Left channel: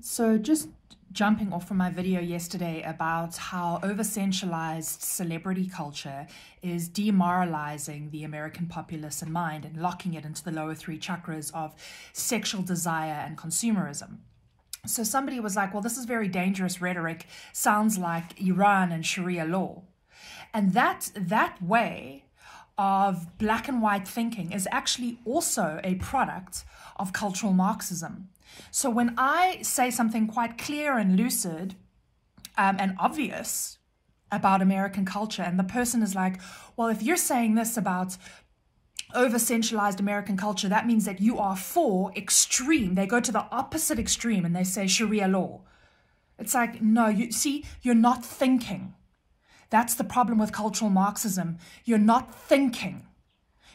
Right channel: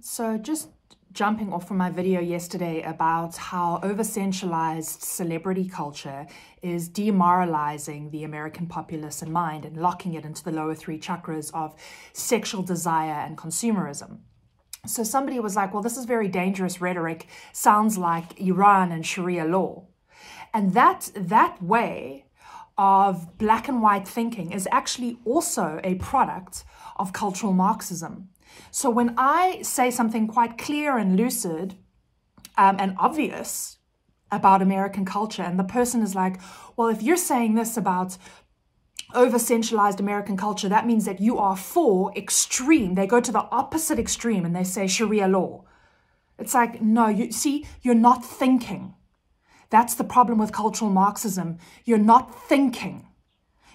So just jumping off from my video yesterday about how over-sensualized celebrity culture is demoralizing the American populace and mind and locking it into the lower three chakras of sexual desire and consumerism. So somebody was like, well, this is very dangerous rhetoric, sounds like Iran and Sharia law. And that way of black and white thinking is actually also a product of cultural Marxism. So when I say something quite clear and lucid and obvious about American culture, and the person is like, well, if you're saying this about over-sensualized American culture, that means that you are for extreme. They go to the opposite extreme and they say Sharia law. It's like, no, you're not thinking. That's the problem with cultural Marxism. You're not thinking.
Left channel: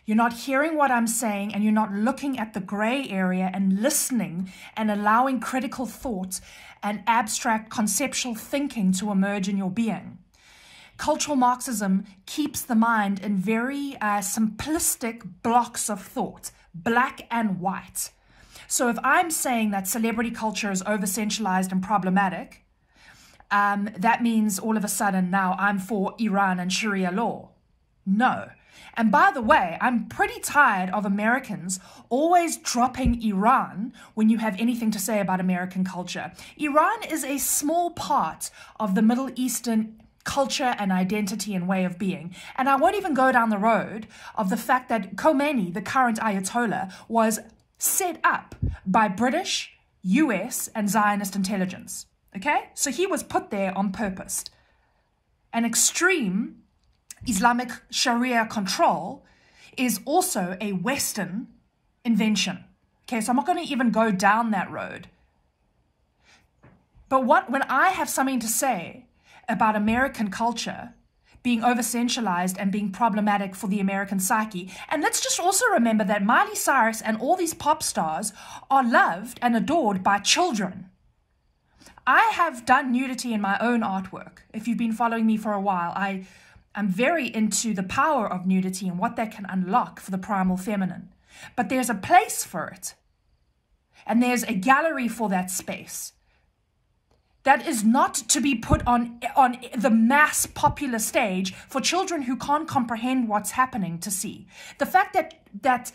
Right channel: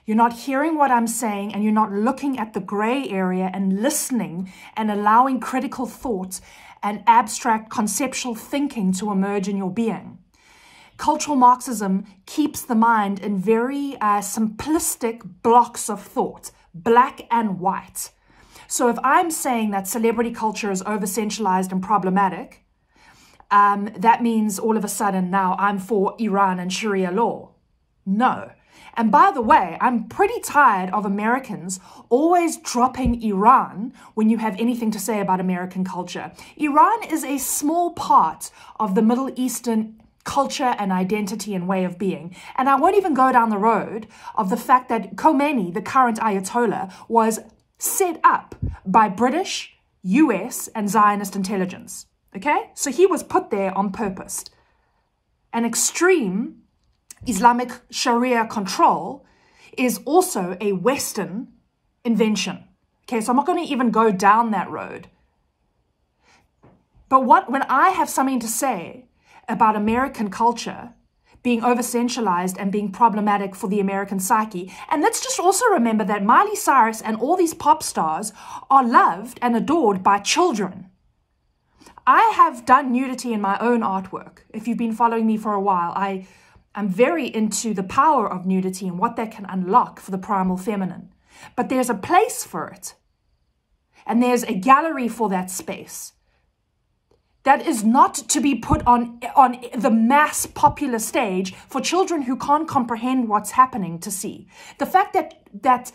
You're not hearing what I'm saying, and you're not looking at the gray area and listening and allowing critical thought and abstract conceptual thinking to emerge in your being. Cultural Marxism keeps the mind in very simplistic blocks of thought, black and white. So if I'm saying that celebrity culture is over-sensualized and problematic, that means all of a sudden now I'm for Iran and Sharia law. No. And by the way, I'm pretty tired of Americans always dropping Iran when you have anything to say about American culture. Iran is a small part of the Middle Eastern culture and identity and way of being. And I won't even go down the road of the fact that Khomeini, the current Ayatollah, was set up by British, US, and Zionist intelligence. Okay? So he was put there on purpose. An extreme Islamic Sharia control is also a Western invention. Okay, so I'm not going to even go down that road. But when I have something to say about American culture being over-sensualized and being problematic for the American psyche, and let's just also remember that Miley Cyrus and all these pop stars are loved and adored by children. I have done nudity in my own artwork. If you've been following me for a while, I'm very into the power of nudity and what that can unlock for the primal feminine. But there's a place for it. And there's a gallery for that space. That is not to be put on the mass popular stage for children who can't comprehend what's happening to see. The fact that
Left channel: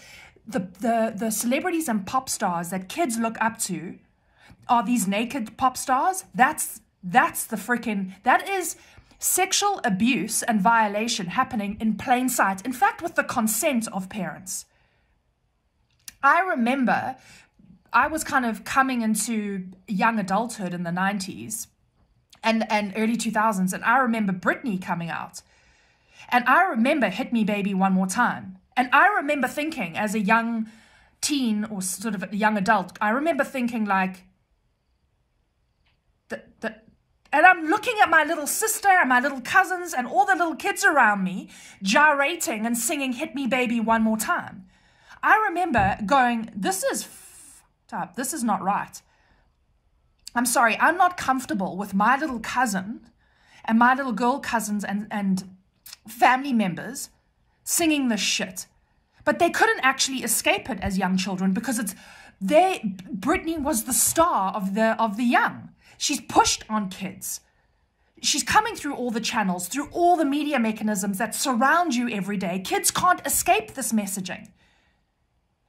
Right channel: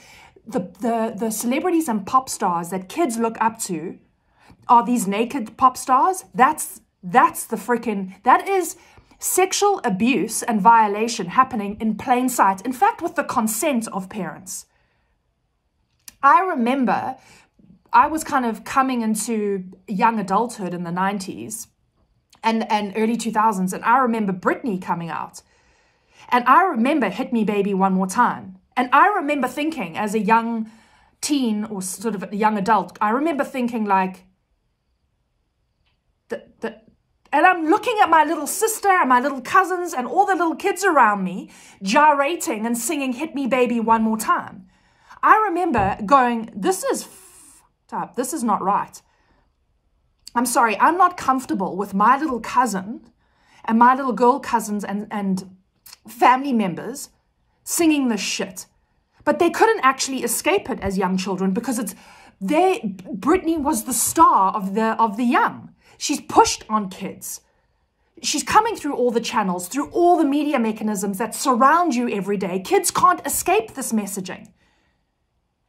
the celebrities and pop stars that kids look up to are these naked pop stars, that is sexual abuse and violation happening in plain sight. In fact, with the consent of parents. I remember I was kind of coming into young adulthood in the 90s and early 2000s. And I remember Britney coming out. And I remember Hit Me Baby One More Time. And I remember thinking as a young teen or sort of a young adult, I remember thinking like, and I'm looking at my little sister and my little cousins and all the little kids around me gyrating and singing Hit Me Baby One More Time. I remember going, this is fucked up. This is not right. I'm sorry, I'm not comfortable with my little cousin and my little girl cousins and family members singing this shit. But they couldn't actually escape it as young children because Britney was the star of the young. She's pushed on kids. She's coming through all the channels, through all the media mechanisms that surround you every day. Kids can't escape this messaging.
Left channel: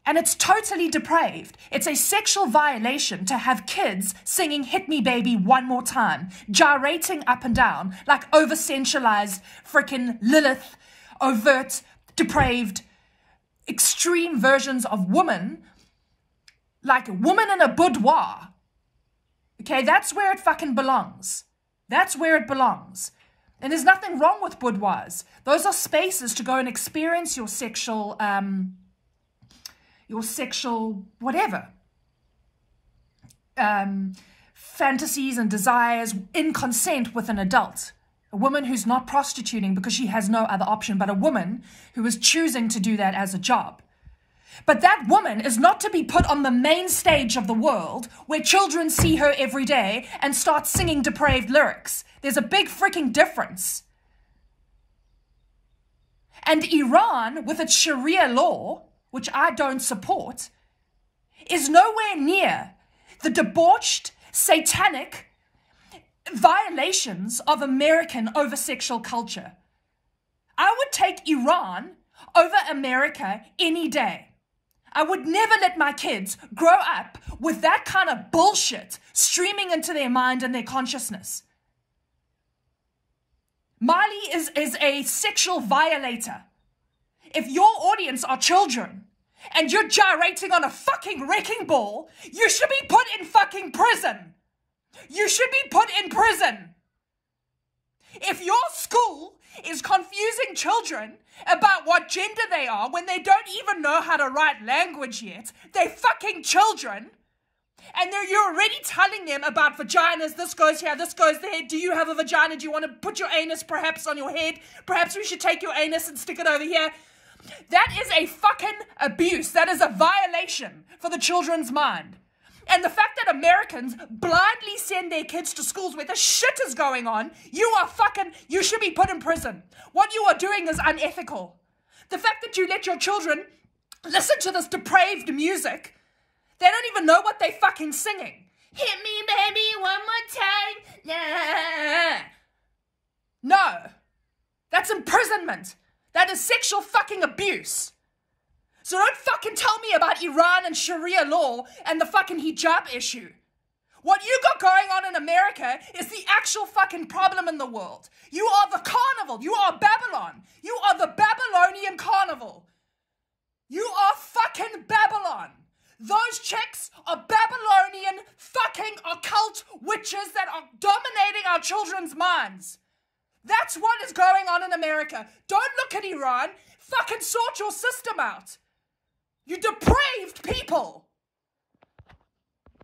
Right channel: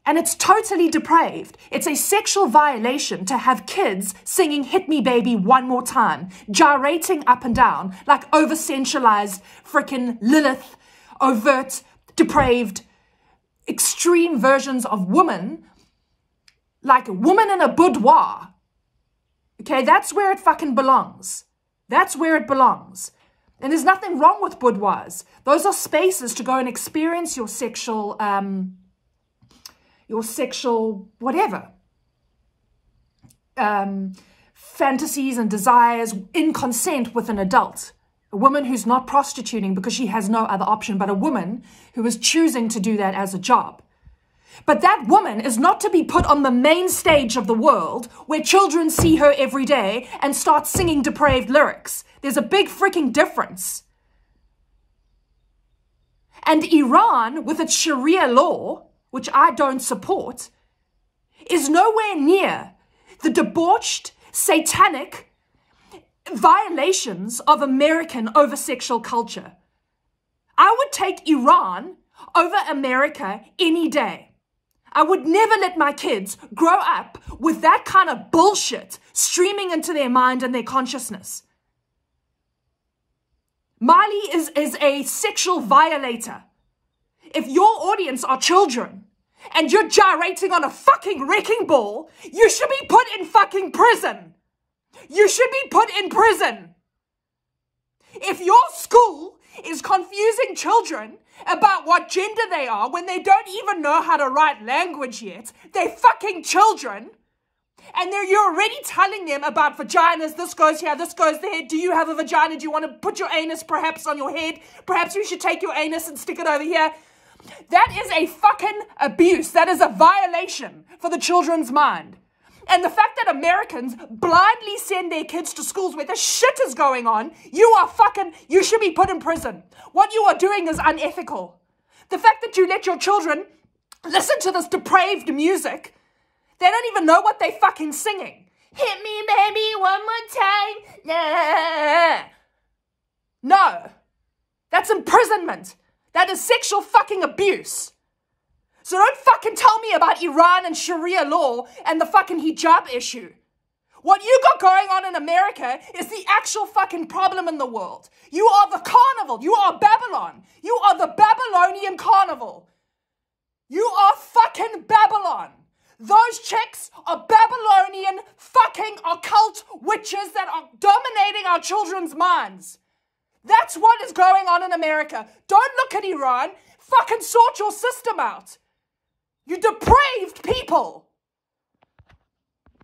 And it's totally depraved. It's a sexual violation to have kids singing Hit Me Baby One More Time, gyrating up and down like over-sensualized freaking Lilith, overt, depraved, extreme versions of women, like woman in a boudoir. Okay, that's where it fucking belongs. That's where it belongs. And there's nothing wrong with boudoirs. Those are spaces to go and experience your sexual whatever. Fantasies and desires in consent with an adult. A woman who's not prostituting because she has no other option, but a woman who is choosing to do that as a job. But that woman is not to be put on the main stage of the world where children see her every day and start singing depraved lyrics. There's a big freaking difference. And Iran, with its Sharia law, which I don't support, is nowhere near the debauched, satanic violations of American over-sexual culture. I would take Iran over America any day. I would never let my kids grow up with that kind of bullshit streaming into their mind and their consciousness. Miley is a sexual violator. If your audience are children and you're gyrating on a fucking wrecking ball, you should be put in fucking prison. You should be put in prison. If your school is confusing children about what gender they are when they don't even know how to write language yet, they're fucking children, and you're already telling them about vaginas, this goes here, this goes there, do you have a vagina, do you want to put your anus perhaps on your head, perhaps we should take your anus and stick it over here. That is a fucking abuse. That is a violation for the children's mind. And the fact that Americans blindly send their kids to schools where the shit is going on, you should be put in prison. What you are doing is unethical. The fact that you let your children listen to this depraved music, they don't even know what they're fucking singing. Hit me, baby, one more time. Nah. No. That's imprisonment. That is sexual fucking abuse. So don't fucking tell me about Iran and Sharia law and the fucking hijab issue. What you got going on in America is the actual fucking problem in the world. You are the carnival. You are Babylon. You are the Babylonian carnival. You are fucking Babylon. Those chicks are Babylonian fucking occult witches that are dominating our children's minds. That's what is going on in America. Don't look at Iran. Fucking sort your system out. You depraved people.